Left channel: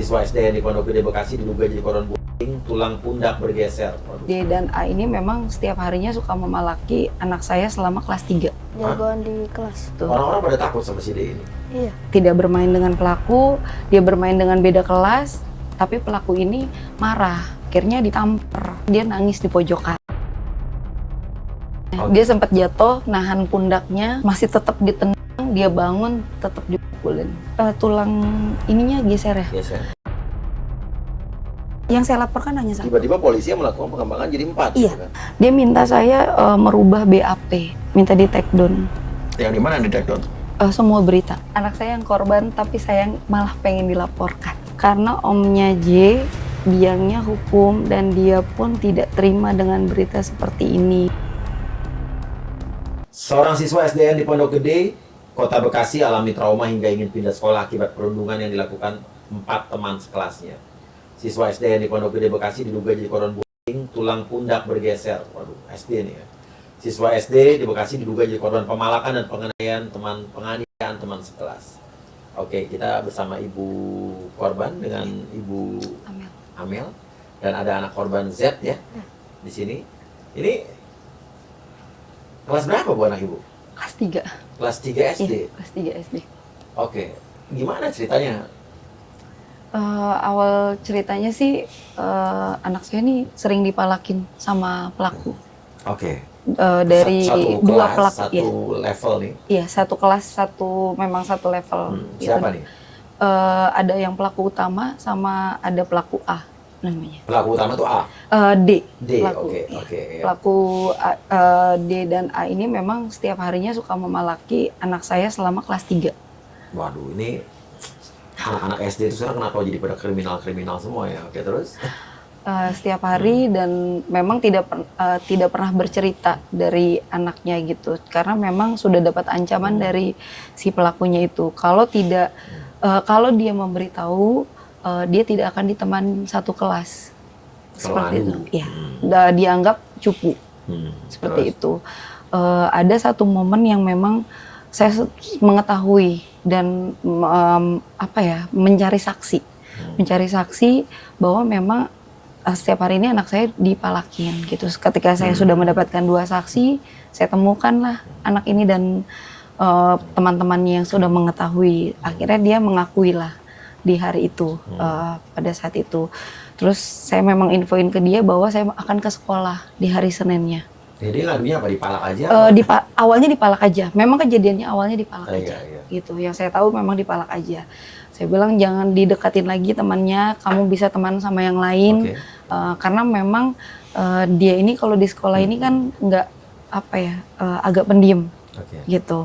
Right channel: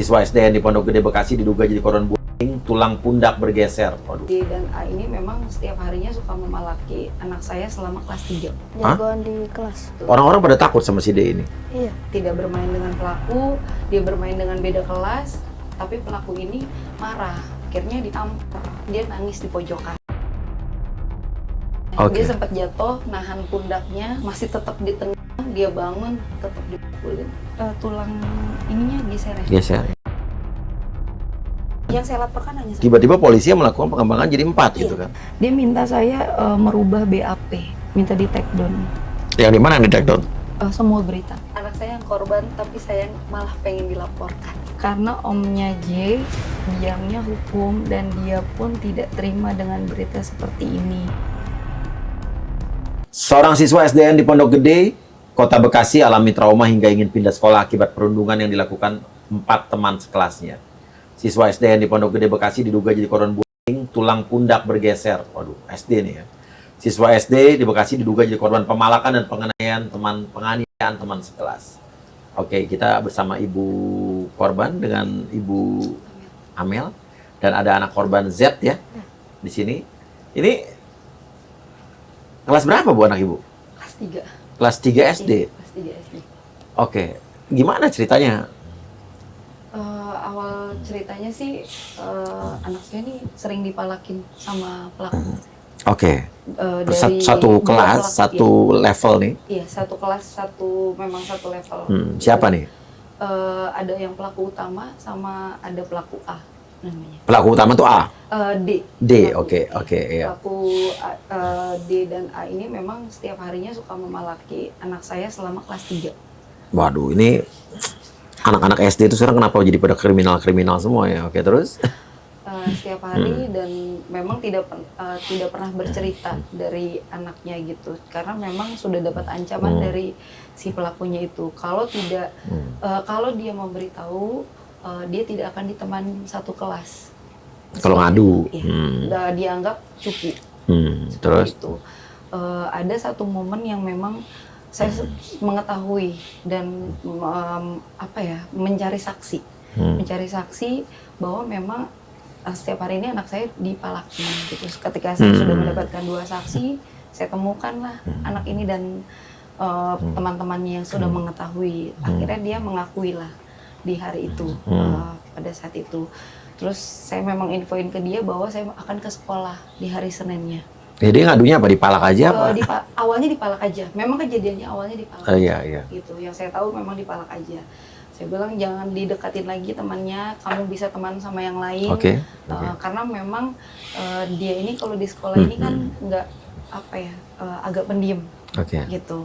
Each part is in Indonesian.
Siswa SDN di Pondok Gede Bekasi diduga jadi korban bullying, tulang pundak bergeser. Waduh. D dan A ini memang setiap harinya suka memalaki anak saya selama kelas 3. Jagoan di kelas. Orang-orang pada takut sama si D ini. Iya. Tidak bermain dengan pelaku, dia bermain dengan beda kelas, tapi pelaku ini marah. Akhirnya ditampar, dia nangis di pojokan. Dia sempat jatuh, nahan pundaknya, masih tetap ditendang, dia bangun, tetap dipukulin. Tulang ininya geser ya? Geser. Yang saya laporkan hanya satu. Tiba-tiba polisi yang melakukan pengembangan jadi 4 gitu kan. Dia minta saya merubah BAP, minta di take down. Yang di mana di take down? Semua berita. Anak saya yang korban, tapi saya malah pengen dilaporkan. Karena omnya J, biangnya hukum, dan dia pun tidak terima dengan berita seperti ini. Seorang siswa SDN di Pondok Gede, Kota Bekasi alami trauma hingga ingin pindah sekolah akibat perundungan yang dilakukan 4 teman sekelasnya. Siswa SDN di Pondok Gede Bekasi diduga jadi korban bullying, tulang pundak bergeser. Waduh, SD nih ya. Siswa SD di Bekasi diduga jadi korban pemalakan dan penganiayaan teman sekelas. Oke, kita bersama ibu korban dengan ibu Amel dan ada anak korban Z ya di sini. Ini kelas berapa Bu anak ibu? Kelas 3. Kelas 3 SD. Iya, kelas 3 SD. Oke, gimana ceritanya? Awal ceritanya sih anak saya ini sering dipalakin sama pelaku. Oke. Dari Satu dua kelas, pelaku, satu level nih. Iya, satu kelas, memang satu level. Gitu. Siapa nih? Ada yang pelaku utama sama ada pelaku A namanya. Pelaku utama tuh A. D. D, Pelaku, oke, iya. Pelaku D dan A ini memang setiap harinya suka memalaki anak saya selama kelas 3. Waduh, ini anak-anak SD itu sekarang kenapa jadi pada kriminal-kriminal semua ya? Oke, terus? Setiap hari dan memang tidak pernah bercerita dari anaknya gitu, karena memang sudah dapat ancaman dari si pelakunya itu. Kalau tidak, kalau dia memberitahu, dia tidak akan diteman satu kelas. Kalau ngadu, ya, dianggap cupu. Seperti itu. Ada satu momen yang memang saya mengetahui dan mencari saksi bahwa memang setiap hari ini anak saya dipalakin gitu. Ketika saya sudah mendapatkan 2 saksi, saya temukanlah anak ini dan teman-temannya yang sudah mengetahui. Akhirnya dia mengakui lah di hari itu, pada saat itu. Terus saya memang infoin ke dia bahwa saya akan ke sekolah di hari Seninnya. Jadi ngadunya apa? Dipalak aja? Awalnya dipalak aja. Memang kejadiannya awalnya dipalak aja. Iya. Gitu. Yang saya tahu memang dipalak aja. Saya bilang jangan didekatin lagi temannya, kamu bisa teman sama yang lain. Karena memang dia ini kalau di sekolah ini kan nggak agak pendiam. Gitu.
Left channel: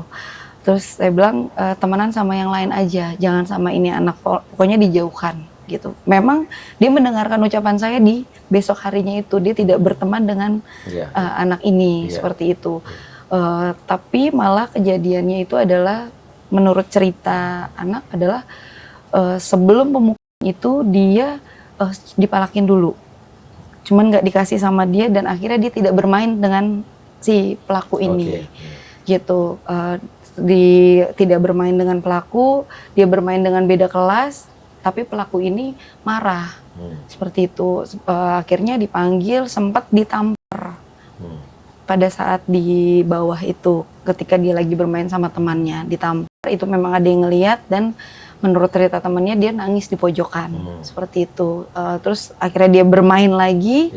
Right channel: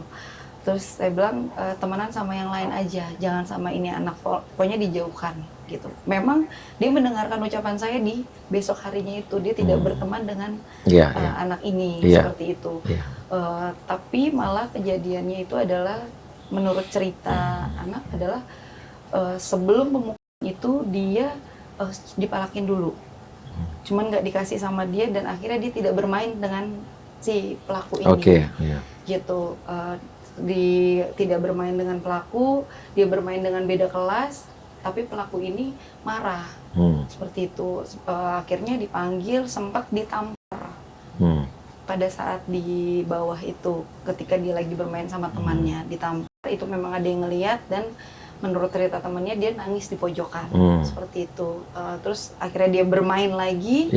Terus saya bilang temenan sama yang lain aja, jangan sama ini anak, pokoknya dijauhkan gitu. Memang dia mendengarkan ucapan saya di besok harinya itu, dia tidak berteman dengan anak ini seperti itu. Tapi malah kejadiannya itu adalah menurut cerita anak adalah sebelum pemukulan itu dia dipalakin dulu, cuman nggak dikasih sama dia dan akhirnya dia tidak bermain dengan si pelaku ini. Gitu. Tidak bermain dengan pelaku, dia bermain dengan beda kelas, tapi pelaku ini marah. Seperti itu. Akhirnya dipanggil, sempat ditampar. Pada saat di bawah itu, ketika dia lagi bermain sama temannya, ditampar. Itu memang ada yang ngeliat dan menurut cerita temannya dia nangis di pojokan. Seperti itu. Terus akhirnya dia bermain lagi,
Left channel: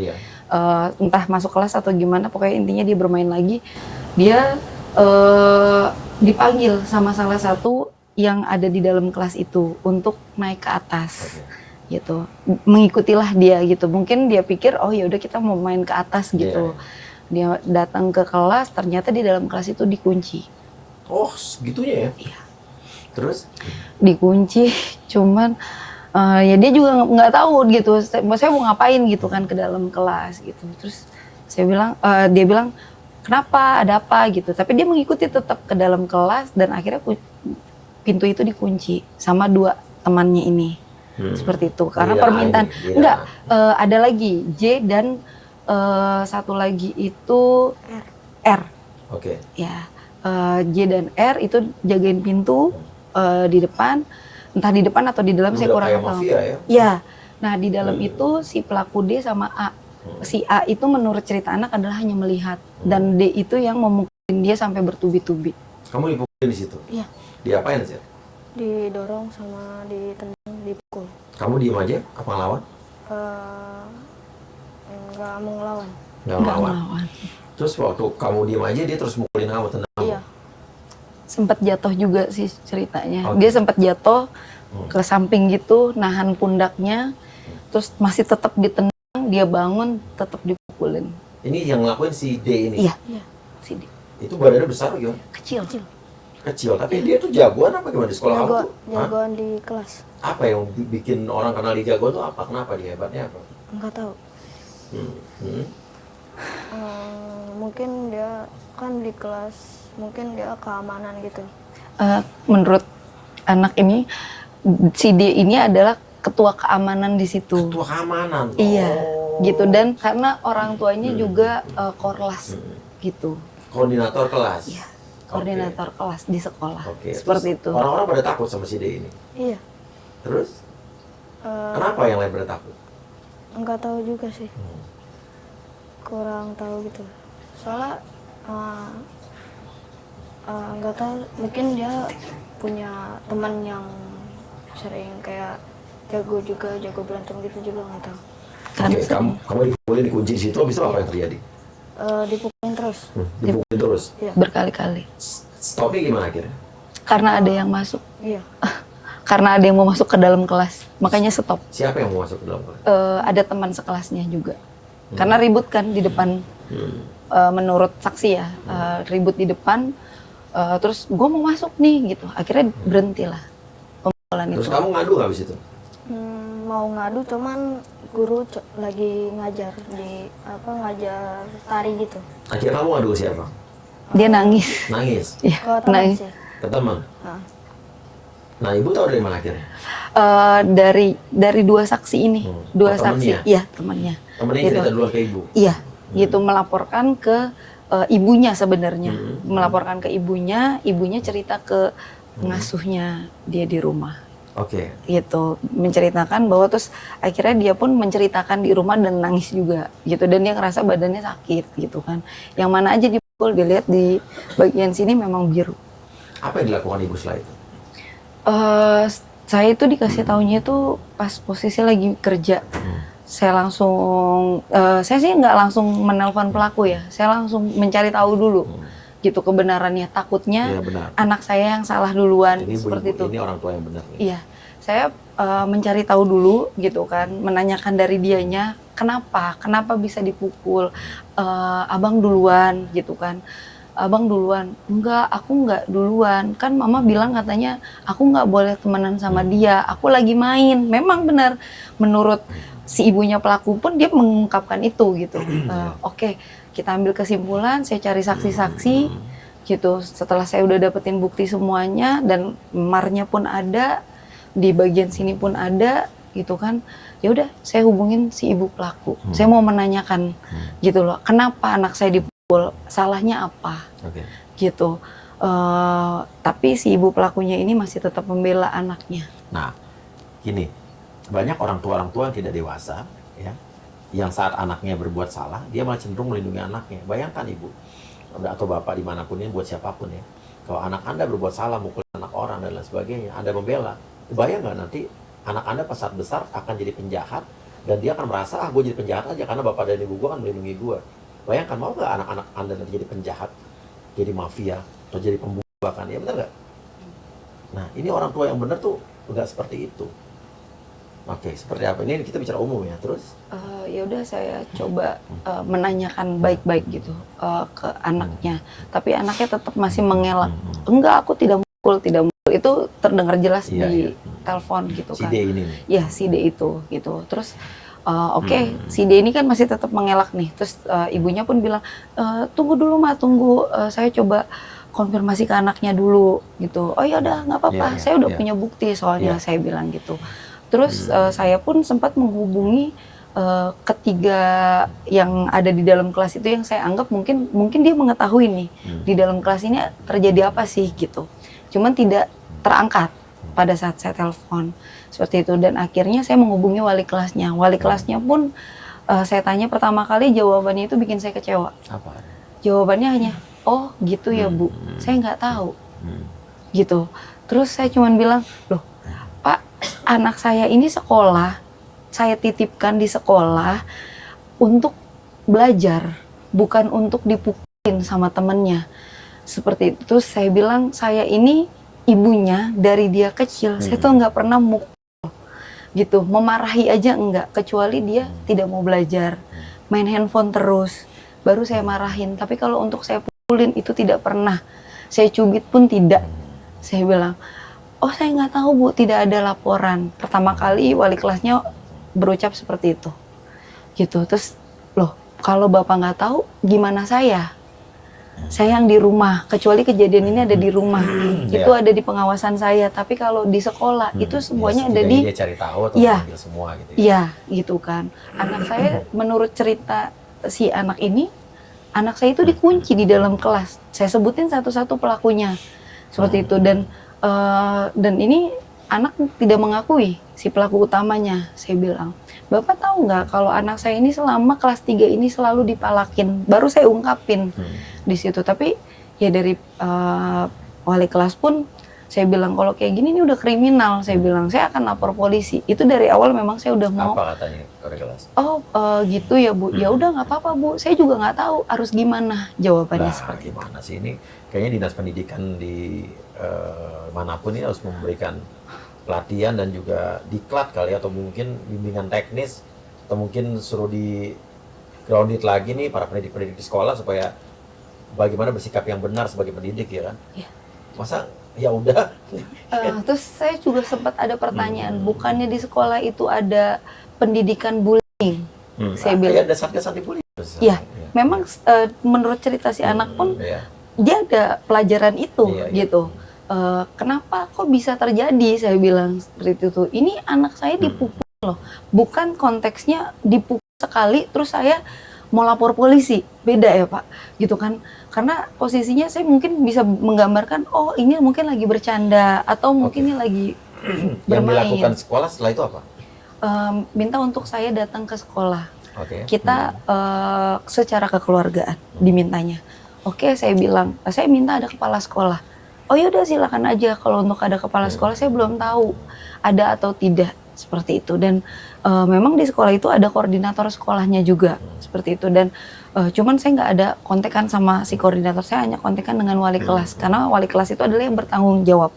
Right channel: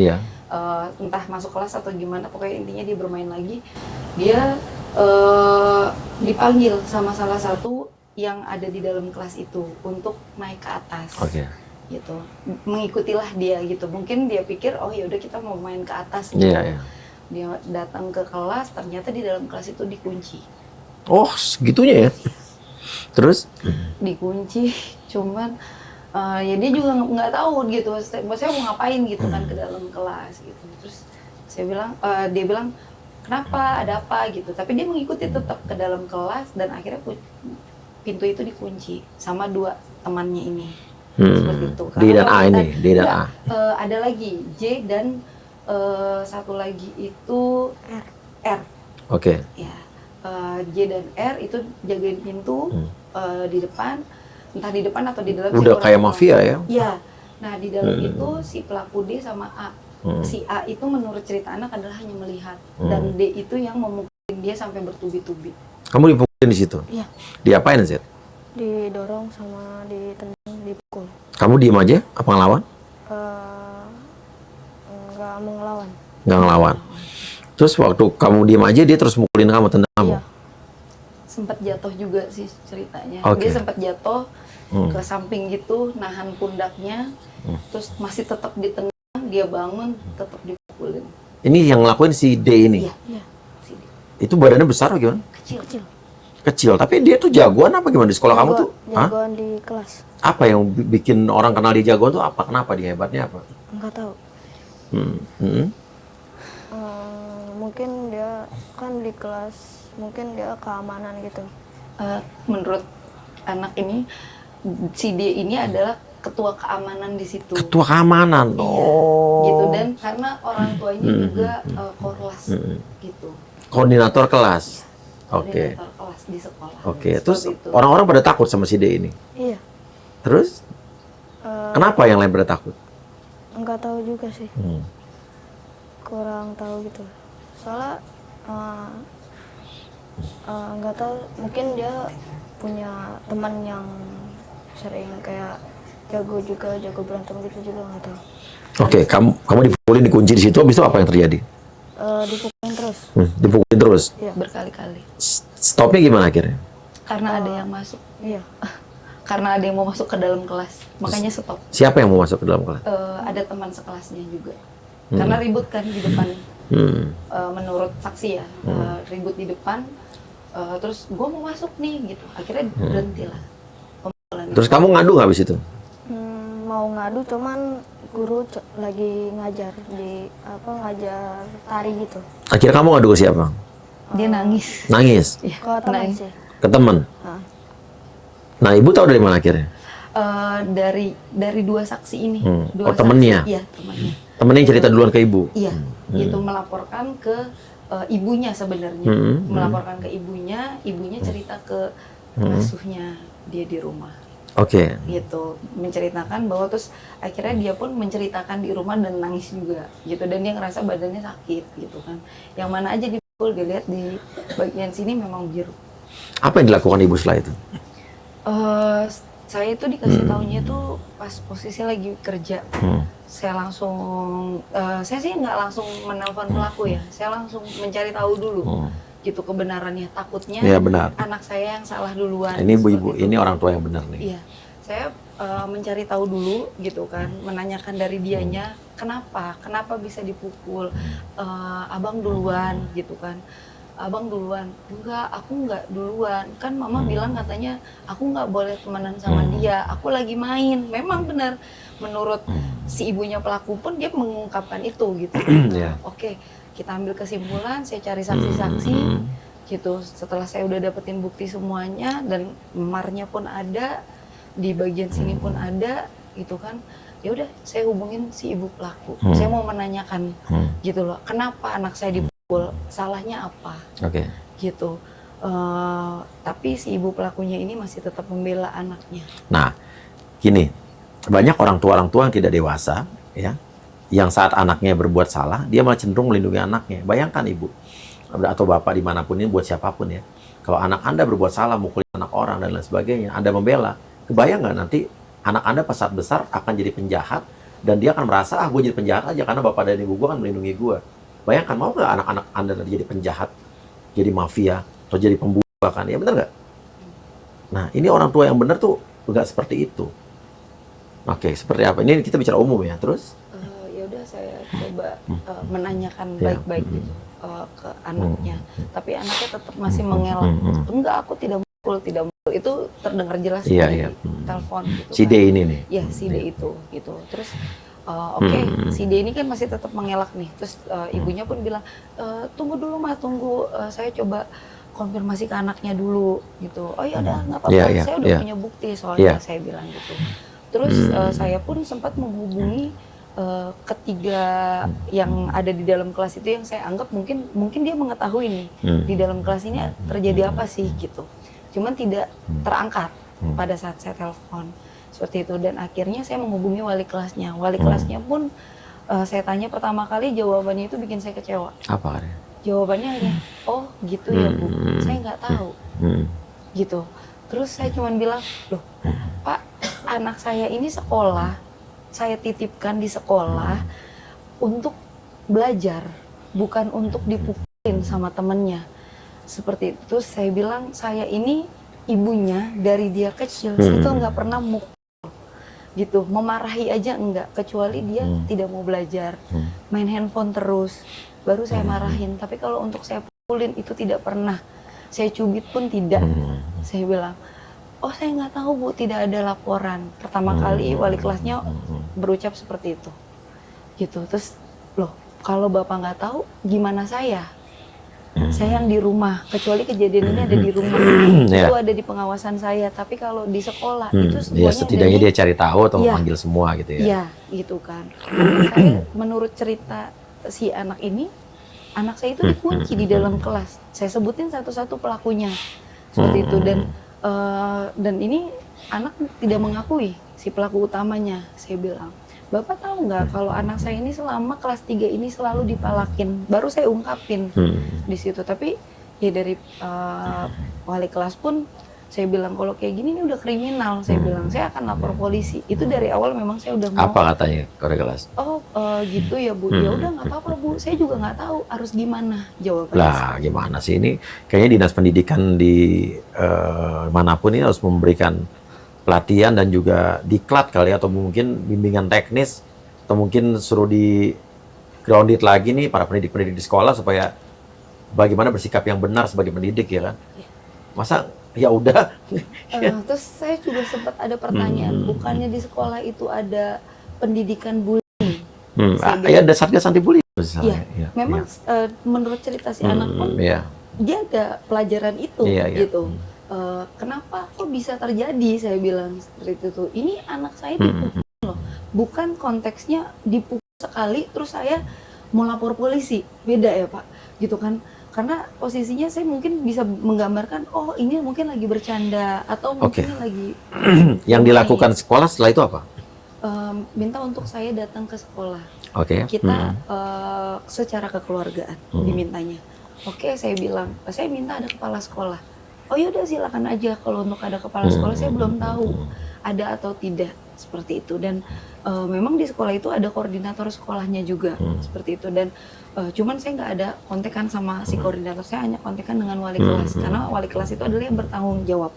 entah masuk kelas atau gimana, pokoknya intinya dia bermain lagi. Dia dipanggil sama salah satu yang ada di dalam kelas itu untuk naik ke atas. Gitu. Mengikutilah dia gitu. Mungkin dia pikir oh ya udah kita mau main ke atas gitu. Dia datang ke kelas, ternyata di dalam kelas itu dikunci. Oh, segitunya ya? Terus? Dikunci, cuman ya dia juga nggak tahu gitu. Saya mau ngapain gitu kan ke dalam kelas gitu. Terus dia bilang kenapa, ada apa gitu. Tapi dia mengikuti tetap ke dalam kelas dan akhirnya pintu itu dikunci sama 2 temannya ini. Seperti itu. Karena permintaan ada lagi J dan satu lagi itu R. Oke. Ya, J dan R itu jagain pintu di depan. entah di depan atau di dalam, saya Udah kurang kayak tahu. mafia ya. Iya. Nah, di dalam itu si pelaku D sama A. Si A itu menurut cerita anak adalah hanya melihat, dan D itu yang memukulin dia sampai bertubi-tubi. Kamu dipukulin di situ? Iya. Diapain, Zed? Didorong sama ditendang, dipukul. Kamu diem aja? Apa ngelawan? Nggak mau ngelawan. Nggak ngelawan. Terus waktu kamu diem aja, dia terus mukulin kamu, tendang kamu? Iya. Sempat jatuh juga sih ceritanya. Oke. Dia sempat jatuh ke samping gitu, nahan pundaknya, terus masih tetap ditendang, dia bangun, tetap dipukulin. Ini yang ngelakuin si D ini? Iya. Iya. Si D. Itu badannya besar atau gimana? Kecil. Kecil, tapi dia tuh jagoan apa gimana di sekolah kamu tuh? Hah? Jagoan di kelas. Apa yang bikin orang kenal dia jagoan tuh apa? Kenapa dia hebatnya apa? Nggak tahu. Hmm. Mungkin dia kan di kelas, mungkin dia keamanan gitu. Menurut anak ini, si D ini adalah ketua keamanan di situ. Ketua keamanan? Iya, Oh. gitu. Dan karena orang tuanya juga korlas, gitu. Koordinator kelas? Iya. Oke. Koordinator kelas di sekolah. Oke, terus Seperti itu. orang-orang pada takut sama si D ini? Iya. Terus? Kenapa yang lain pada takut? Nggak tahu juga sih. Kurang tahu gitu. Soalnya nggak tahu, mungkin dia punya teman yang sering kayak jago berantem gitu juga, nggak tahu. Oke, kamu dipukulin, dikunci di situ, habis itu apa yang terjadi? Dipukulin terus. Dipukulin terus? Iya. Berkali-kali. Stopnya gimana akhirnya? Karena ada yang masuk. Iya. Karena ada yang mau masuk ke dalam kelas. Makanya stop. Siapa yang mau masuk ke dalam kelas? Ada teman sekelasnya juga. Karena ribut kan di depan. Menurut saksi ya, ribut di depan. Terus gue mau masuk nih gitu. Akhirnya berhentilah pemukulan Terus itu. kamu ngadu nggak habis itu? Mau ngadu, cuman guru lagi ngajar ngajar tari gitu. Akhirnya kamu ngadu ke siapa? Dia nangis. Nangis? Iya, Ke teman nangis. sih. Ke teman? Nah, Nah, ibu tahu dari mana akhirnya? Dari dua saksi ini. Dua temennya? saksi. Iya, temannya. Temennya cerita duluan ke ibu? Iya, gitu, melaporkan ke ibunya sebenarnya. Melaporkan ke ibunya cerita ke pengasuhnya dia di rumah. Oke. Gitu, menceritakan bahwa terus akhirnya dia pun menceritakan di rumah dan nangis juga gitu, dan dia ngerasa badannya sakit gitu kan. Yang mana aja dipukul, dilihat di bagian sini memang biru. Apa yang dilakukan ibu setelah itu? Saya itu dikasih taunya itu pas posisi lagi kerja. Saya langsung, saya sih nggak langsung menelpon pelaku ya, saya langsung mencari tahu dulu gitu kebenarannya. Takutnya Iya, benar. anak saya yang salah duluan. Ini seperti ibu, itu. ini orang tua yang benar nih. Iya, saya mencari tahu dulu gitu kan, menanyakan dari dianya kenapa bisa dipukul. Abang duluan gitu kan. Abang duluan, enggak, aku enggak duluan, kan mama bilang katanya aku nggak boleh temenan sama dia, aku lagi main. Memang benar, menurut si ibunya pelaku pun dia mengungkapkan itu gitu. Oke, kita ambil kesimpulan, saya cari saksi-saksi gitu. Setelah saya udah dapetin bukti semuanya dan marnya pun ada, di bagian sini pun ada gitu kan, ya udah saya hubungin si ibu pelaku. Saya mau menanyakan gitu loh, kenapa anak saya dipukul, salahnya apa? Oke. Gitu. Tapi si ibu pelakunya ini masih tetap membela anaknya. Nah, gini, banyak orang tua yang tidak dewasa, ya, yang saat anaknya berbuat salah, dia malah cenderung melindungi anaknya. Bayangkan ibu atau bapak dimanapun ini, buat siapapun ya, kalau anak Anda berbuat salah, mukulin anak orang dan lain sebagainya, Anda membela, kebayang nggak nanti anak Anda pas saat besar akan jadi penjahat, dan dia akan merasa, gue jadi penjahat aja karena bapak dan ibu gue kan melindungi gue. Bayangkan, mau nggak anak-anak Anda nanti jadi penjahat, jadi mafia, atau jadi pembunuh kan? Ya benar nggak? Nah, ini orang tua yang benar tuh nggak seperti itu. Oke, seperti apa? Ini kita bicara umum ya, terus? Ya udah saya coba menanyakan baik-baik gitu ke anaknya. Tapi anaknya tetap masih mengelak. Enggak, aku tidak mukul. Itu terdengar jelas di telepon gitu. Si kan. D ini nih. Iya, si D itu gitu. Terus oke, si D ini kan masih tetap mengelak nih. Terus ibunya pun bilang, tunggu dulu Ma, tunggu, saya coba konfirmasi ke anaknya dulu gitu. Oh ya udah, nggak apa-apa, saya udah punya bukti soalnya, saya bilang gitu. Terus saya pun sempat menghubungi ketiga yang ada di dalam kelas itu, yang saya anggap mungkin dia mengetahui nih di dalam kelas ini terjadi apa sih gitu. Cuman tidak terangkat pada saat saya telepon seperti itu, dan akhirnya saya menghubungi wali kelasnya. Wali kelasnya pun saya tanya pertama kali, jawabannya itu bikin saya kecewa. Apa? Jawabannya hanya, oh gitu ya Bu, saya nggak tahu, gitu. Terus saya cuma bilang, loh Pak, anak saya ini sekolah, saya titipkan di sekolah untuk belajar, bukan untuk dipukulin sama temennya. Seperti itu. Terus saya bilang, saya ini ibunya dari dia kecil, saya tuh nggak pernah mukul, gitu, memarahi aja enggak, kecuali dia tidak mau belajar, main handphone terus, baru saya marahin. Tapi kalau untuk saya pukulin itu tidak pernah, saya cubit pun tidak. Saya bilang, oh saya nggak tahu Bu, tidak ada laporan. Pertama kali wali kelasnya berucap seperti itu, gitu. Terus, loh kalau Bapak nggak tahu, gimana saya? Saya yang di rumah, kecuali kejadian ini ada di rumah, itu ada di pengawasan saya. Tapi kalau di sekolah itu semuanya ada di. Dia cari tahu atau manggil semua gitu ya? Iya, gitu kan. Anak saya, menurut cerita si anak ini, anak saya itu dikunci di dalam kelas. Saya sebutin satu-satu pelakunya, seperti itu. Dan ini anak tidak mengakui si pelaku utamanya. Saya bilang, Bapak tahu nggak kalau anak saya ini selama kelas 3 ini selalu dipalakin. Baru saya ungkapin di situ. Tapi ya dari wali kelas pun saya bilang, kalau kayak gini ini udah kriminal. Saya bilang, saya akan lapor polisi. Itu dari awal memang saya udah mau. Apa katanya wali kelas? Oh gitu ya Bu. Ya udah nggak apa-apa Bu. Saya juga nggak tahu harus gimana jawabannya. Lah gimana sih ini? Kayaknya dinas pendidikan di manapun ini harus memberikan pelatihan dan juga diklat kali, atau mungkin bimbingan teknis, atau mungkin suruh di grounded lagi nih para pendidik-pendidik di sekolah supaya bagaimana bersikap yang benar sebagai pendidik, ya kan? Ya. Masa ya udah. Terus saya juga sempat ada pertanyaan, bukannya di sekolah itu ada pendidikan bullying? Saya bilang, ada satgas anti bullying. Iya, memang menurut cerita si anak pun dia ada pelajaran itu, gitu. Kenapa kok bisa terjadi? Saya bilang seperti itu. Ini anak saya dipukul loh, bukan konteksnya dipukul sekali terus saya mau lapor polisi, beda ya Pak, gitu kan? Karena posisinya saya mungkin bisa menggambarkan, oh ini mungkin lagi bercanda atau mungkin ini lagi. Yang dilakukan sekolah setelah itu apa? Minta untuk saya datang ke sekolah. Kita secara kekeluargaan dimintanya. Saya bilang, saya minta ada kepala sekolah. Oh ya udah silakan aja, kalau untuk ada kepala sekolah saya belum tahu ada atau tidak, seperti itu. Dan memang di sekolah itu ada koordinator sekolahnya juga, seperti itu. Dan cuman saya nggak ada kontekan sama si koordinator, saya hanya kontekan dengan wali kelas, karena wali kelas itu adalah yang bertanggung jawab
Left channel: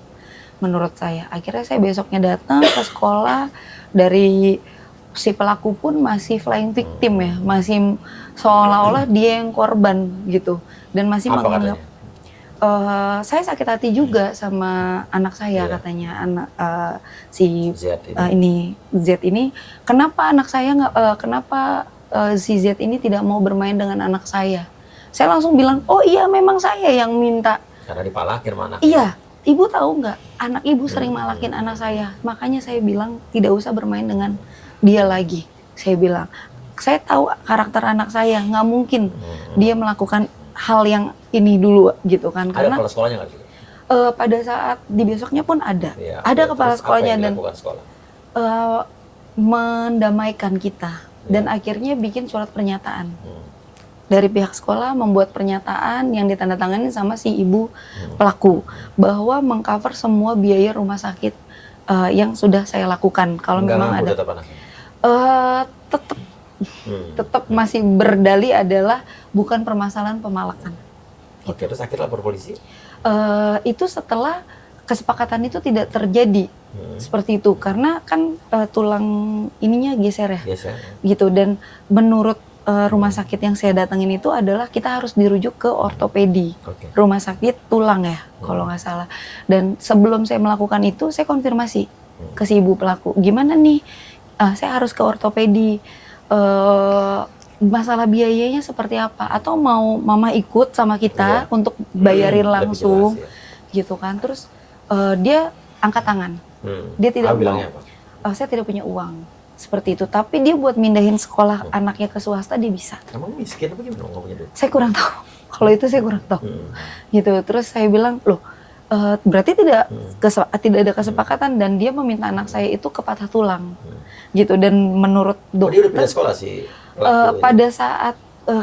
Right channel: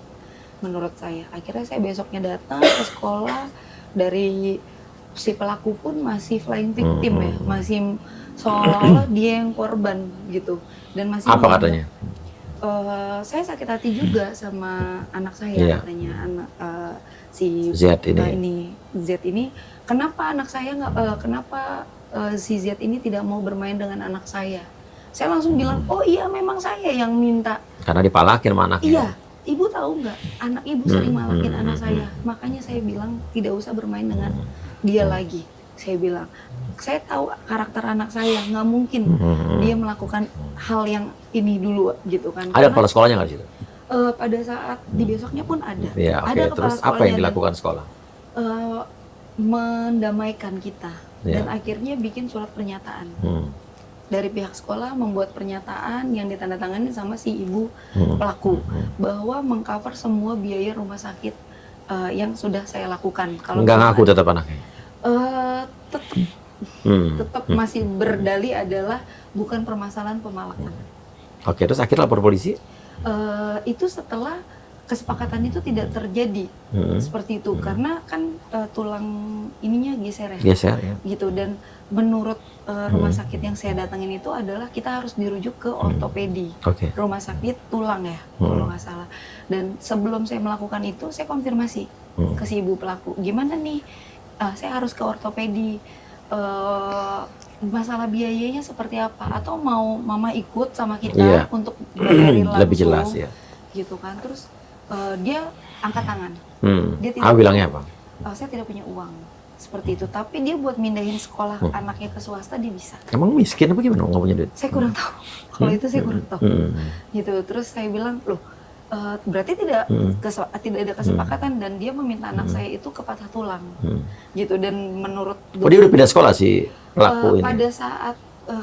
menurut saya. Akhirnya saya besoknya datang ke sekolah, dari si pelaku pun masih flying victim ya, masih seolah-olah dia yang korban gitu, dan masih apa katanya? Saya sakit hati juga sama anak saya, katanya anak si Z ini, kenapa anak saya nggak, kenapa si Z ini tidak mau bermain dengan anak saya? Saya langsung bilang, oh iya memang saya yang minta. Karena dipalakin sama anaknya. Iya, ibu tahu nggak, anak ibu sering malakin anak saya, makanya saya bilang tidak usah bermain dengan dia lagi. Saya bilang, saya tahu karakter anak saya, nggak mungkin dia melakukan hal yang ini dulu gitu kan. Ada kepala sekolahnya nggak sih? Pada saat di besoknya pun ada. Ada kepala sekolahnya. Apa yang dilakukan sekolah? Mendamaikan kita dan akhirnya bikin surat pernyataan. Dari pihak sekolah membuat pernyataan yang ditandatangani sama si ibu pelaku bahwa mengcover semua biaya rumah sakit yang sudah saya lakukan. Kalau nggak ngaku tetap anaknya? Tetap masih berdalih adalah bukan permasalahan pemalakan. Terus akhirnya lapor polisi? Itu setelah kesepakatan itu tidak terjadi seperti itu, karena kan tulang ininya geser ya, gitu. Dan menurut rumah sakit yang saya datangin itu adalah kita harus dirujuk ke ortopedi, rumah sakit tulang ya, kalau nggak salah. Dan sebelum saya melakukan itu, saya konfirmasi ke si ibu pelaku, gimana nih, saya harus ke ortopedi. Masalah biayanya seperti apa, atau mau mama ikut sama kita untuk bayarin langsung, gitu kan. Terus dia angkat tangan, dia tidak bilangnya apa? Saya tidak punya uang, seperti itu. Tapi dia buat mindahin sekolah anaknya ke swasta dia bisa. Emang miskin apa gimana, nggak punya duit? Saya kurang tahu, kalau itu saya kurang tahu, gitu. Terus saya bilang, loh Berarti tidak ada kesepakatan dan dia meminta anak saya itu ke patah tulang, gitu. Dan menurut Dia udah pindah sekolah sih pelaku ini? pada saat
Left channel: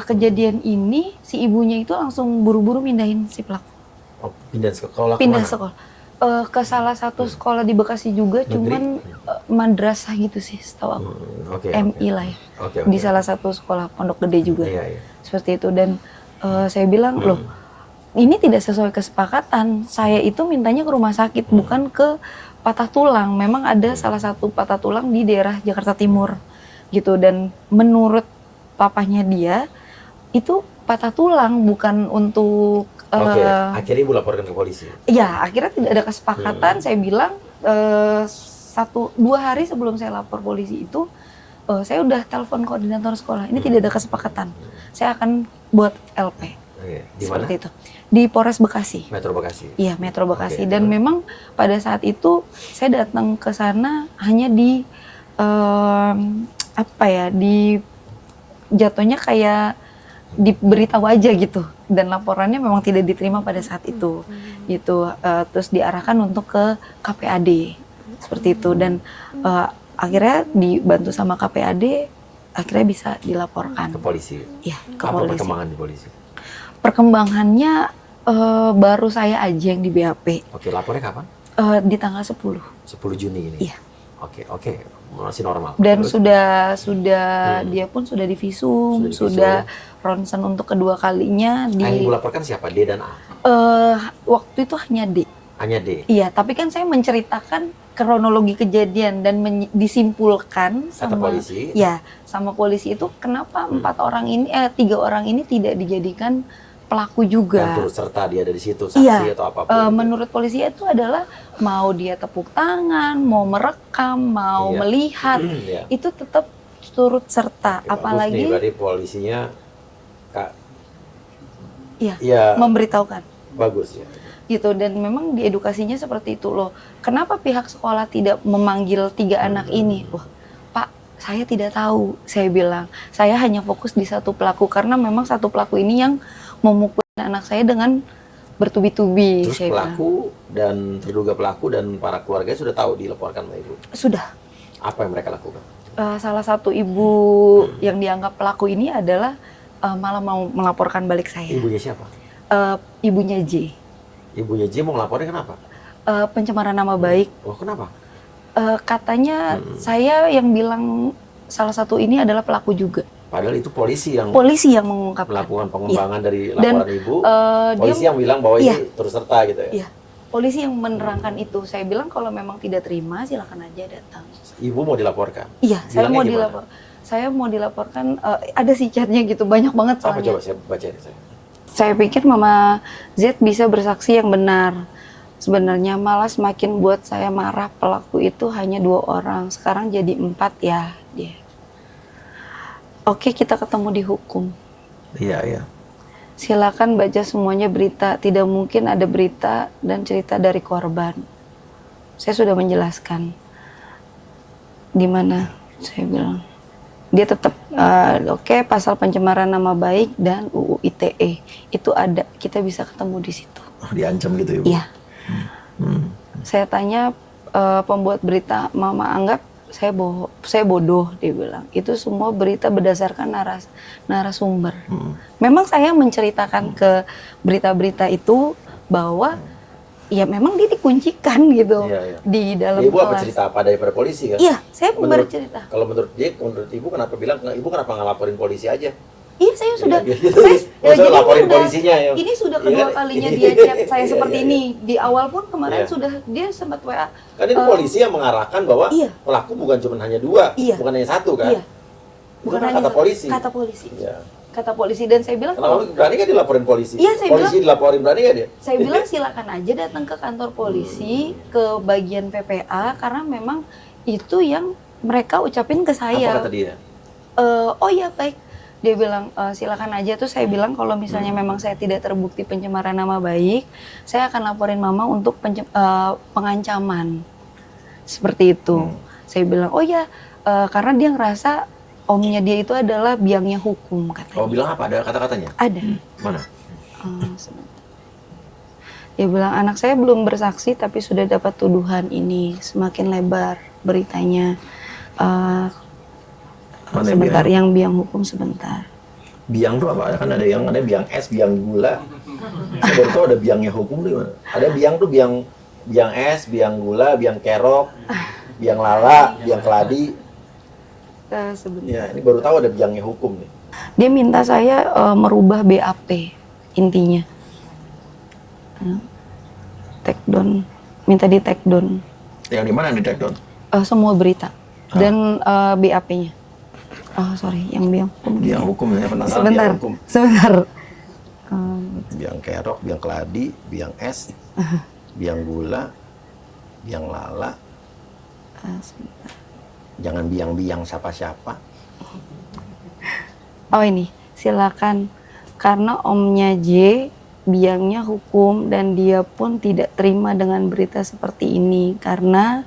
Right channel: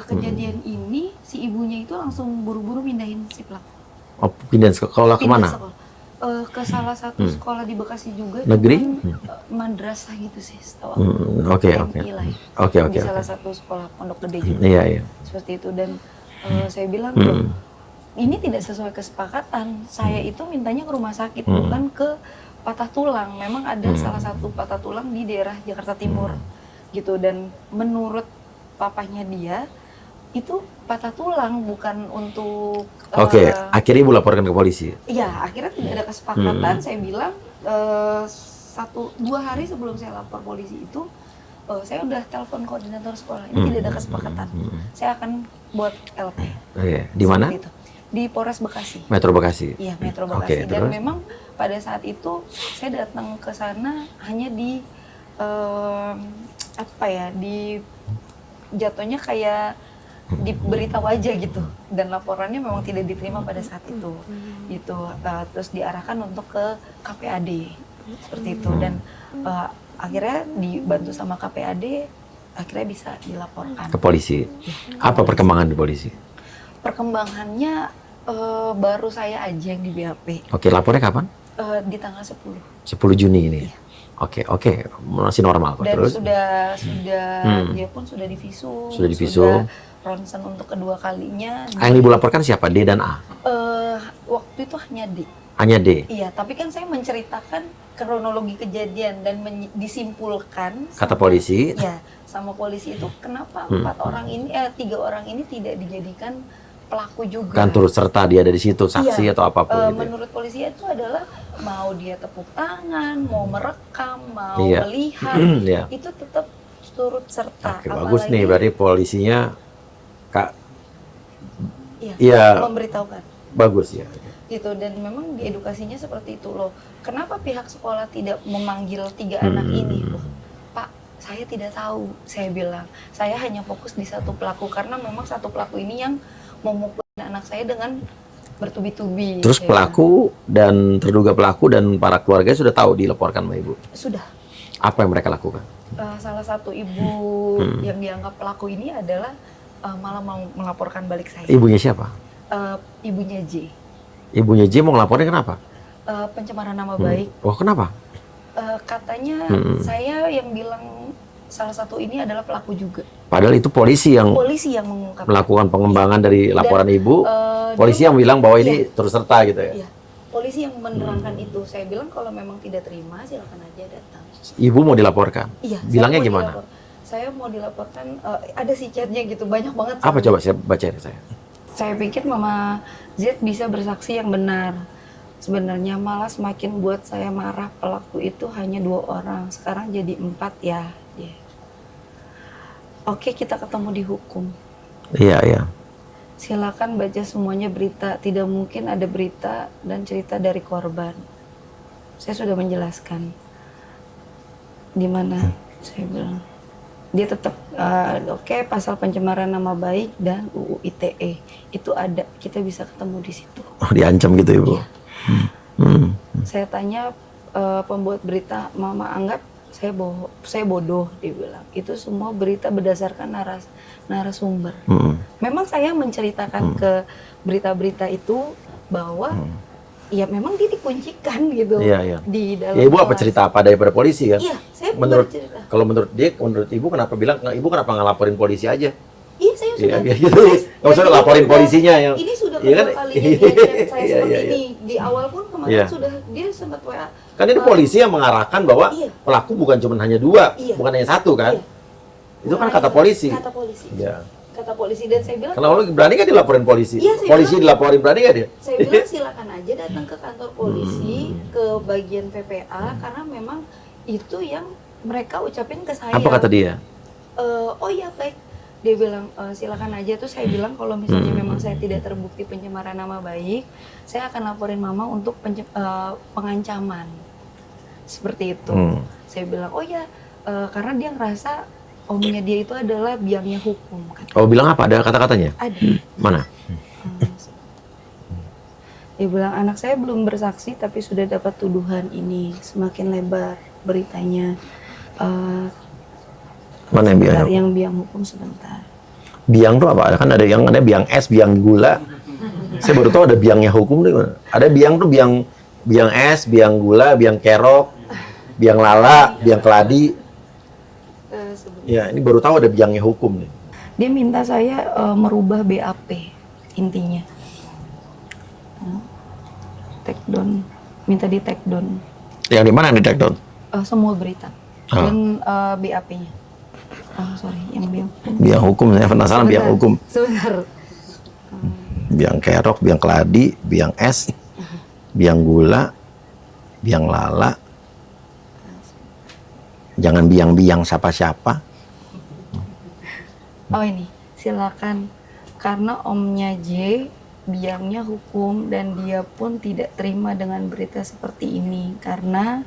kejadian ini, si ibunya itu langsung buru-buru mindahin si pelaku. Oh, pindah sekolah Pindah kemana? sekolah. Ke salah satu sekolah di Bekasi juga, Negeri? cuman madrasah gitu sih, setahu aku. Oke. MI lah ya. Oke. Di salah satu sekolah pondok gede juga. Iya. Seperti itu. Dan saya bilang, loh, ini tidak sesuai kesepakatan. Saya itu mintanya ke rumah sakit, bukan ke patah tulang. Memang ada salah satu patah tulang di daerah Jakarta Timur, gitu. Dan menurut papanya dia, itu patah tulang, bukan untuk Oke, akhirnya ibu laporkan ke polisi. ya, akhirnya tidak ada kesepakatan. Saya bilang 1-2 hari sebelum saya lapor polisi itu, saya udah telepon koordinator sekolah. Ini tidak ada kesepakatan. Saya akan buat LP. Oke, di mana? Seperti itu. Di Polres Bekasi. Metro Bekasi. Iya, Metro Bekasi. Oke, Dan terus? memang pada saat itu saya datang ke sana hanya di di jatuhnya kayak diberitahu aja gitu. Dan laporannya memang tidak diterima pada saat itu. Gitu. Terus diarahkan untuk ke KPAD. Seperti itu. Dan akhirnya dibantu sama KPAD, akhirnya bisa dilaporkan Ke polisi. ya, ke Apa polisi. perkembangan di polisi? Perkembangannya baru saya aja yang di BAP Oke, lapornya kapan? di tanggal 10. 10 Juni ini. Iya. Oke, masih normal. Dan Terus? sudah dia pun sudah divisum, Sudah divisum. sudah ronsen untuk kedua kalinya. Yang ibu laporkan siapa? D dan A? Waktu itu hanya D. Hanya D. Iya, tapi kan saya menceritakan kronologi kejadian dan disimpulkan Kata polisi. Ya, sama polisi itu kenapa 3 orang ini tidak dijadikan pelaku juga. Kan turut serta dia ada di situ, saksi Iya. atau apapun. Gitu. Menurut polisi itu adalah mau dia tepuk tangan, mau merekam, mau Iya. melihat, Iya. itu tetap turut serta. Oke, bagus Apalagi nih, berarti polisinya iya, Iya. memberitahukan. bagus ya. Gitu. Dan memang diedukasinya seperti itu loh. Kenapa pihak sekolah tidak memanggil 3 anak ini? Wah, Pak, saya tidak tahu. Saya bilang, saya hanya fokus di satu pelaku karena memang satu pelaku ini yang memukul anak saya dengan bertubi-tubi. Terus saya pelaku dan terduga pelaku dan para keluarga sudah tahu dilaporkan sama ibu. bilang. Sudah. Apa yang mereka lakukan? Salah satu ibu yang dianggap pelaku ini adalah malah mau melaporkan balik saya. Ibunya siapa? Ibunya J. Ibunya J mau ngelaporin kenapa? Pencemaran nama baik. Wah, kenapa? Katanya saya yang bilang salah satu ini adalah pelaku juga. Padahal itu polisi yang Polisi yang mengungkapkan. melakukan pengembangan dari laporan ibu. Polisi dia- yang bilang bahwa Iya. ini turut serta gitu ya. Iya, polisi yang menerangkan itu. Saya bilang kalau memang tidak terima silakan aja datang. Ibu mau dilaporkan. Iya, Bilangnya gimana? Saya mau dilaporkan. Ada sih chatnya gitu, banyak banget. Apa coba saya bacain saya. Saya pikir Mama Z bisa bersaksi yang benar. Sebenarnya malah semakin buat saya marah, pelaku itu hanya 2 orang, sekarang jadi 4 ya. Dia. Oke, kita ketemu di hukum. Iya. Silakan baca semuanya berita. Tidak mungkin ada berita dan cerita dari korban. Saya sudah menjelaskan. Di mana? Saya bilang. Dia tetap oke, pasal pencemaran nama baik dan UU ITE itu ada. Kita bisa ketemu di situ. Oh, diancam gitu ibu. Iya. Saya tanya pembuat berita, Mama anggap saya bodoh, dia bilang. Itu semua berita berdasarkan narasumber. Memang saya menceritakan ke berita-berita itu bahwa ya memang dia dikuncikan gitu Iya. di dalam Ya, ibu apa kelas. cerita apa daripada polisi kan? Iya, saya bercerita. Kalau menurut ibu kenapa bilang ibu kenapa nggak laporin polisi aja? Iya, saya sudah. Iya, gitu. Maksudnya jadi laporin udah- polisinya yang. Ini sudah Iya kedua kan? kalinya dia chat saya Iya, seperti iya, ini. Di awal pun kemarin Iya. sudah dia sempat WA. Kan ini polisi yang mengarahkan bahwa Iya. pelaku bukan cuma hanya 2, Iya. bukan hanya 1 kan? Iya. Itu Bukan kan hanya kata polisi. Kata polisi. Iya. Kata polisi dan saya bilang. Kenapa berani kan dilaporin polisi? Iya, saya Polisi dilaporin berani kan dia? Saya bilang silakan aja datang ke kantor polisi, ke bagian PPA karena memang itu yang mereka ucapin ke saya. Apa kata dia? Oh ya baik. Dia bilang silakan aja. Tuh saya bilang kalau misalnya memang saya tidak terbukti pencemaran nama baik, saya akan laporin Mama untuk pengancaman. Seperti itu. Saya bilang oh ya karena dia ngerasa omnya dia itu adalah biangnya hukum katanya. Oh, bilang apa? Ada kata-katanya? Ada. Mana? Dia bilang anak saya belum bersaksi tapi sudah dapat tuduhan ini, semakin lebar beritanya. Mana Sebentar, biang? yang biang hukum sebentar. Biang tuh apa? Kan ada biang es, biang gula. Saya baru tahu ada biangnya hukum tuh. Ada biang tuh biang es, biang gula, biang kerok, biang lala, biang keladi. Sebentar. Ya, ini baru tahu ada biangnya hukum nih. Dia minta saya merubah BAP intinya. Take down, minta di take down Yang di mana di take down? semua berita dan BAP-nya. Oh sorry, yang biang hukum. Biang hukum, saya penasaran biang hukum. Sebentar. Biang kerok, biang keladi, biang es, biang gula, biang lala. Jangan biang-biang siapa-siapa. Oh ini, silakan. Karena omnya J, biangnya hukum dan dia pun tidak terima dengan berita seperti ini karena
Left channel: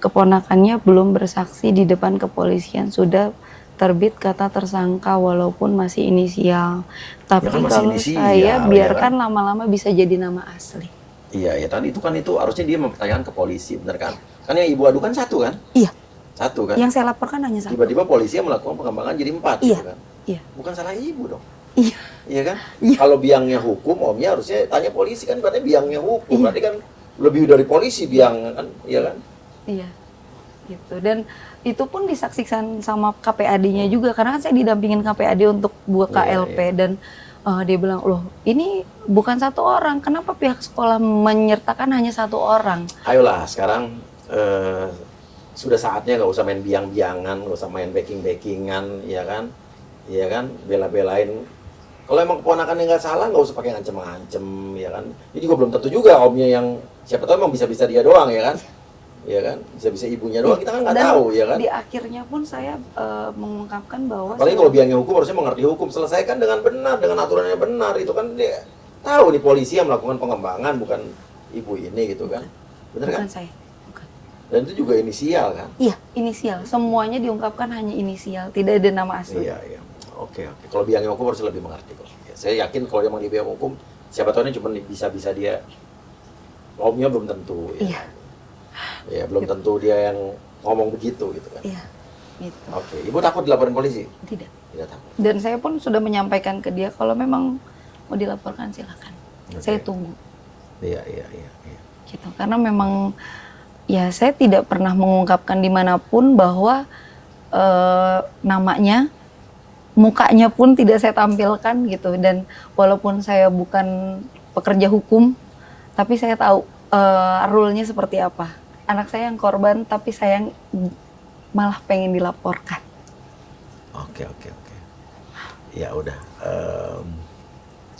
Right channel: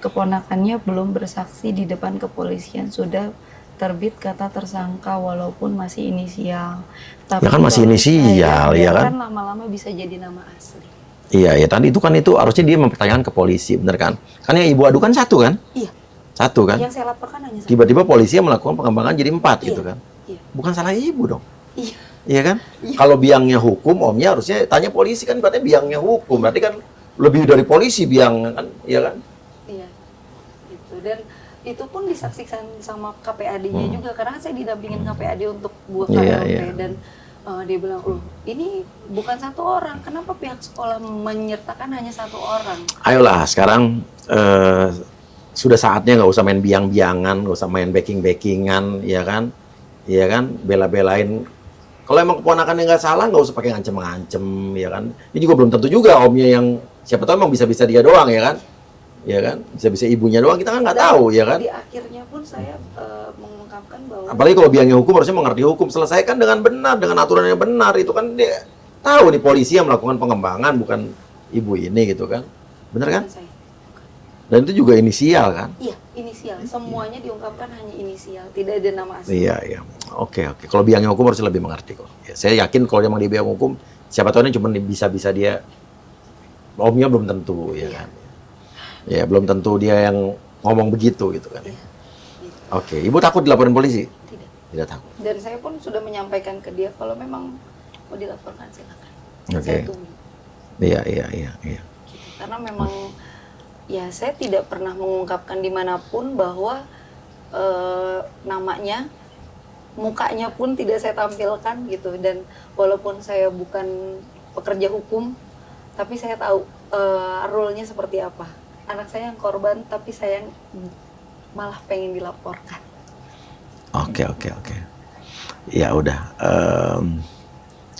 keponakannya belum bersaksi di depan kepolisian, sudah terbit kata tersangka walaupun masih inisial. Tapi Ya kan masih kalau inisial, saya ya biarkan kan? lama-lama bisa jadi nama asli. Iya, ya tadi itu harusnya dia mempertanyakan ke polisi, bener kan? Kan yang ibu adukan satu kan? Iya. Satu kan? Yang saya laporkan hanya satu. Tiba-tiba polisi yang melakukan pengembangan jadi 4 gitu Iya. kan? Iya. Bukan salah ibu dong. Iya. Iya kan? Iya. Kalau biangnya hukum, omnya harusnya tanya polisi kan, berarti biangnya hukum. Berarti kan lebih dari polisi biang kan, iya kan? Iya. Gitu. Dan itu pun disaksikan sama KPAD-nya juga karena kan saya didampingin KPAD untuk buat Iya, KLP iya. dan dia bilang, loh ini bukan satu orang, kenapa pihak sekolah menyertakan hanya satu orang? Ayolah, sekarang sudah saatnya nggak usah main biang-biangan, nggak usah main backing-backingan, ya kan? Iya kan? Bela-belain. Kalau emang keponakannya nggak salah, nggak usah pakai ngancem-ngancem, ya kan? Ini juga belum tentu juga omnya yang, siapa tahu emang bisa-bisa dia doang, ya kan? Ya kan? Bisa-bisa ibunya doang, kita kan nggak Dan tahu, ya kan? Di akhirnya pun saya mengungkapkan bahwa Apalagi kalau biangnya hukum harusnya mengerti hukum, selesaikan dengan benar, dengan aturan yang benar. Itu kan dia tahu nih polisi yang melakukan pengembangan, bukan ibu ini gitu kan? Bener kan? bukan saya. Bukan. Dan itu juga inisial kan? Iya, inisial. Semuanya diungkapkan hanya inisial, tidak ada nama asli. Iya, iya. Oke, oke. Kalau biangnya hukum harusnya lebih mengerti kok. Ya, saya yakin kalau dia mau di biang hukum, siapa tahu ini cuma bisa-bisa dia, omnya belum tentu, ya. Iya. Ya, belum tentu dia yang ngomong begitu gitu kan. Iya. Gitu. Oke, ibu takut dilaporin polisi? Tidak. Tidak takut. Dan saya pun sudah menyampaikan ke dia kalau memang mau dilaporkan silakan. Oke. Saya tunggu. Iya, iya, iya, iya. Gitu. Karena memang ya saya tidak pernah mengungkapkan dimanapun bahwa namanya, mukanya pun tidak saya tampilkan gitu. Dan walaupun saya bukan pekerja hukum, tapi saya tahu rule-nya seperti apa. Anak saya yang korban, tapi saya malah pengen dilaporkan. Oke, oke, oke. Ya udah.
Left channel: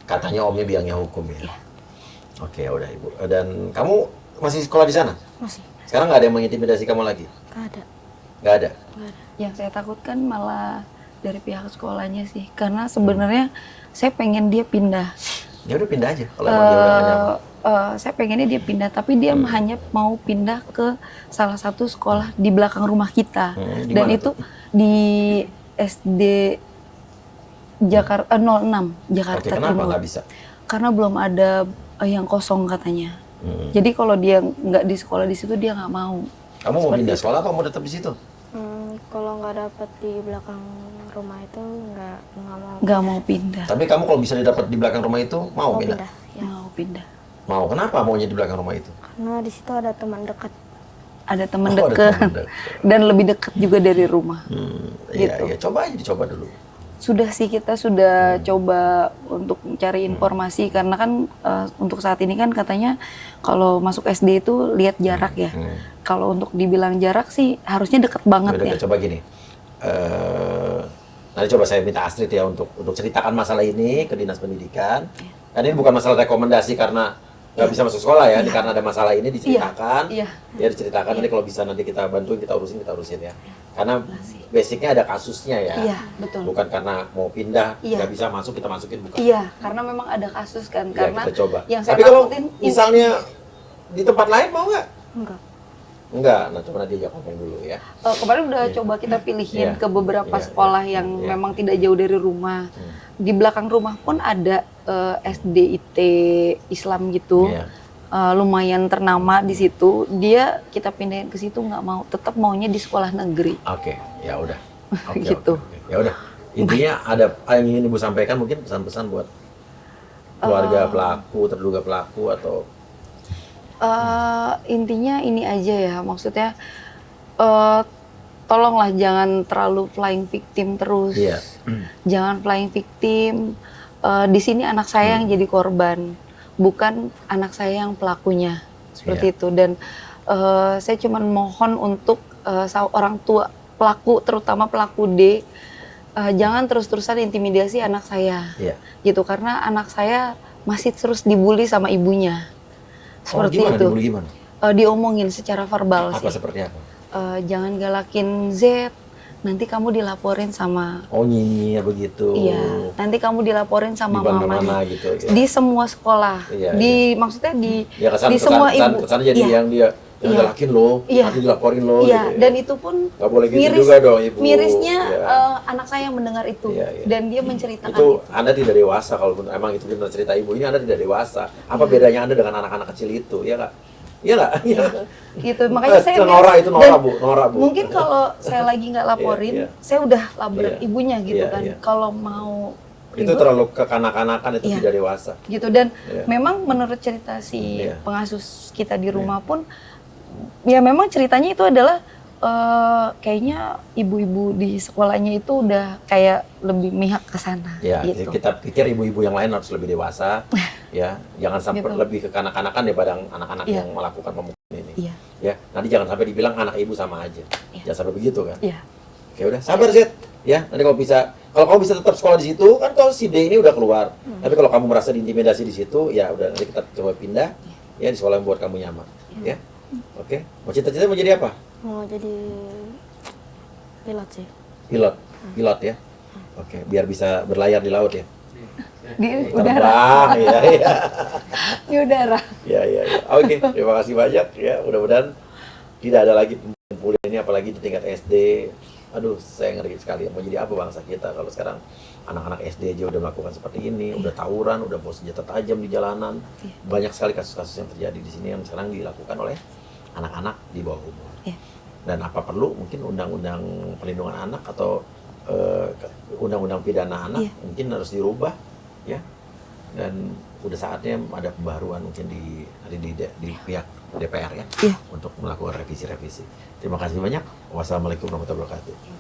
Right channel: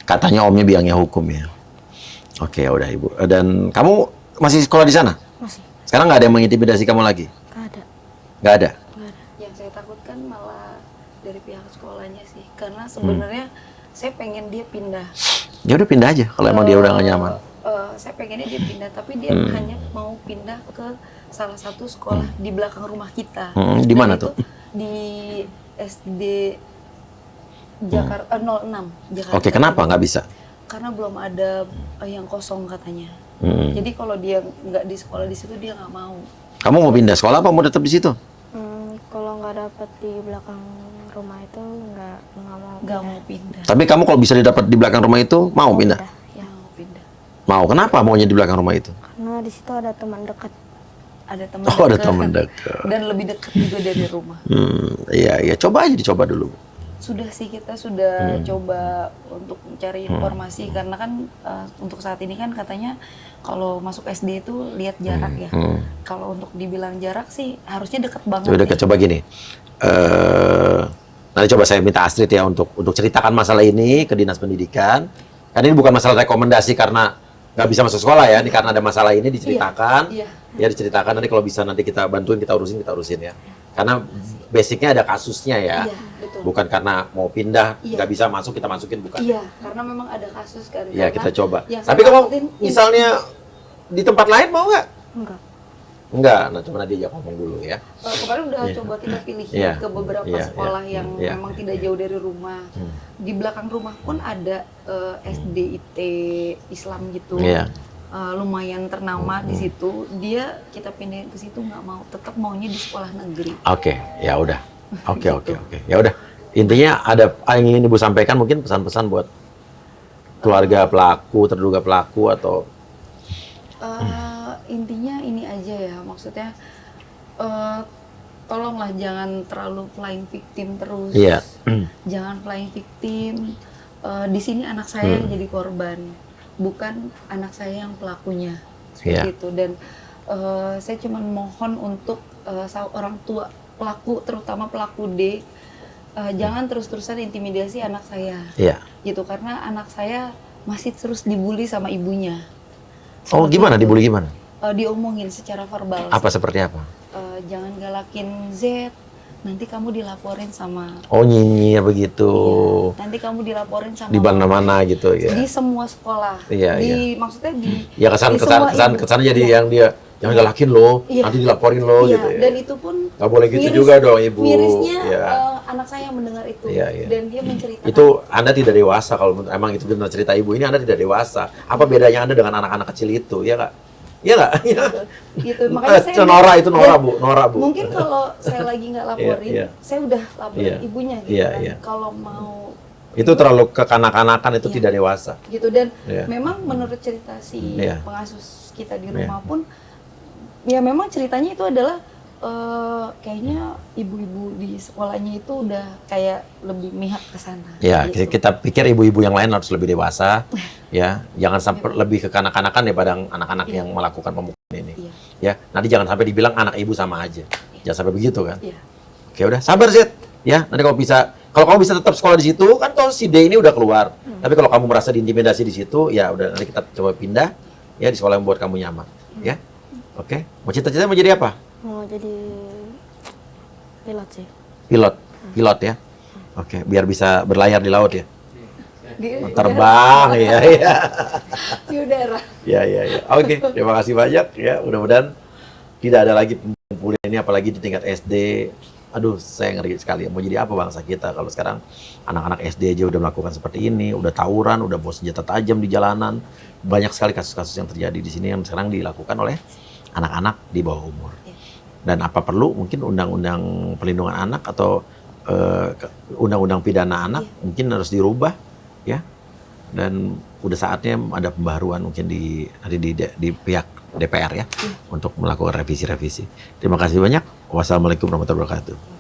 Katanya omnya biangnya hukum ya. Oke, ya udah ibu. Dan kamu masih sekolah di sana? Masih. Sekarang nggak ada yang mengintimidasi kamu lagi? Gak ada. Nggak ada? Gak ada. Yang saya takutkan malah dari pihak sekolahnya sih, karena sebenarnya saya pengen dia pindah. Ya udah pindah aja kalau emang dia udah nggak nyaman. Saya pengennya dia pindah, tapi dia hanya mau pindah ke salah satu sekolah di belakang rumah kita. Di mana Dan itu tuh? di SD Jakarta 06 Jakarta. Oke, kenapa Timur. nggak bisa? Karena belum ada yang kosong katanya. Jadi kalau dia nggak di sekolah di situ dia nggak mau. Kamu mau pindah sekolah apa mau tetap di situ? Kalau nggak dapet di belakang rumah itu nggak mau. Nggak mau pindah. Tapi kamu kalau bisa didapat di belakang rumah itu mau pindah? Ya. Mau pindah. Mau. Kenapa maunya di belakang rumah itu? Karena di situ ada teman dekat. Ada teman Oh, ada dekat. teman dekat. Dan lebih dekat juga dari rumah. Iya, iya. Coba aja dicoba dulu. Sudah sih, kita sudah coba untuk mencari informasi karena kan untuk saat ini kan katanya kalau masuk SD itu lihat jarak ya. Kalau untuk dibilang jarak sih harusnya deket banget Coba, ya. coba gini. Nanti coba saya minta Astrid ya untuk ceritakan masalah ini ke Dinas Pendidikan. Karena ini bukan masalah rekomendasi karena nggak bisa masuk sekolah ya. Ini karena ada masalah ini diceritakan. Iya. Ya diceritakan, nanti kalau bisa nanti kita bantuin, kita urusin ya. Karena basicnya ada kasusnya ya. Iya, betul. Bukan karena mau pindah, Iya. nggak bisa masuk, kita masukin, bukan. Iya, karena memang ada kasus kan. Ya, Karena kita coba. yang Tapi saya kalau takutin, misalnya di tempat lain mau nggak? Enggak. Enggak, nah coba nanti aja ngomong dulu ya. kemarin udah Iya. coba kita pilihin Iya. ke beberapa Iya, sekolah iya, yang iya. memang tidak jauh dari rumah. Di belakang rumah pun ada SDIT Islam gitu. Iya. lumayan ternama di situ, dia kita pindahin ke situ nggak mau, tetap maunya di sekolah negeri. Oke, ya udah. Oke, Gitu. oke. Ya udah. Intinya ada yang ingin Ibu sampaikan, mungkin pesan-pesan buat keluarga pelaku, terduga pelaku, atau Intinya ini aja ya, maksudnya tolonglah jangan terlalu playing victim terus. Iya. Jangan playing victim. Di sini anak saya yang jadi korban, bukan anak saya yang pelakunya. Seperti Iya. itu. Dan saya cuma mohon untuk orang tua pelaku, terutama pelaku D, jangan terus-terusan intimidasi anak saya. Iya. Gitu, karena anak saya masih terus dibully sama ibunya. Oh, Seperti gimana itu. dibully gimana? Diomongin secara verbal. Apa seperti apa? Jangan galakin Z, nanti kamu dilaporin sama. Oh, nyinyir begitu. Iya, nanti kamu dilaporin sama Di mana-mana gitu ya. Di semua sekolah. Iya, maksudnya di Ya kesan di semua ibu. jadi Iya. yang dia yang galakin lo, Iya. nanti dilaporin lo Iya, gitu ya. dan itu pun Nggak boleh gitu juga dong, Ibu. Mirisnya Iya. anak saya yang mendengar itu, Iya, iya. dan dia menceritakan. Itu Anda tidak dewasa kalau emang itu benar cerita Ibu ini, Anda tidak dewasa. Apa bedanya Anda dengan anak-anak kecil itu? Ya nggak? Iya nggak? Gitu, makanya saya Itu Nora, itu Nora, dan Bu. Nora, Bu. Mungkin kalau saya lagi nggak laporin, Iya, iya. saya udah laporin Iya. ibunya gitu Iya, kan. iya. Kalau mau Itu terlalu kekanak-kanakan, itu Iya. tidak dewasa. gitu, dan Iya. memang menurut cerita si Iya. pengasuh kita di rumah pun, ya memang ceritanya itu adalah kayaknya ibu-ibu di sekolahnya itu udah kayak lebih mihak ke sana. Ya, gitu. kita pikir ibu-ibu yang lain harus lebih dewasa, ya, jangan sampai Gitu. lebih kekanak-kanakan daripada anak-anak Iya. yang melakukan pemukulan ini. Iya. Ya, nanti jangan sampai dibilang anak ibu sama aja. Jangan sampai begitu kan? Iya. Oke, udah sabar Zed. Ya, nanti kalau kamu bisa tetap sekolah di situ, kan kalau si D ini udah keluar. Tapi kalau kamu merasa diintimidasi di situ, ya udah, nanti kita coba pindah ya di sekolah yang buat kamu nyaman. Ya, oke. Mau cita-cita mau jadi apa? Mau jadi pilot sih. Pilot ya. Oke, biar bisa berlayar di laut ya. Di Terbang ya, ya. di udara. Ya, ya, ya. Oke, terima kasih banyak ya. Mudah-mudahan tidak ada lagi pembulian ini, apalagi di tingkat SD. Aduh, saya ngeri sekali. Mau jadi apa bangsa kita kalau sekarang anak-anak SD aja udah melakukan seperti ini, udah tawuran, udah bawa senjata tajam di jalanan. Banyak sekali kasus-kasus yang terjadi di sini yang sekarang dilakukan oleh anak-anak di bawah umur. Dan apa perlu mungkin undang-undang perlindungan anak atau undang-undang pidana anak mungkin harus dirubah ya. Dan udah saatnya ada pembaharuan mungkin di pihak DPR ya untuk melakukan revisi-revisi. Terima kasih banyak. Wassalamualaikum warahmatullahi wabarakatuh.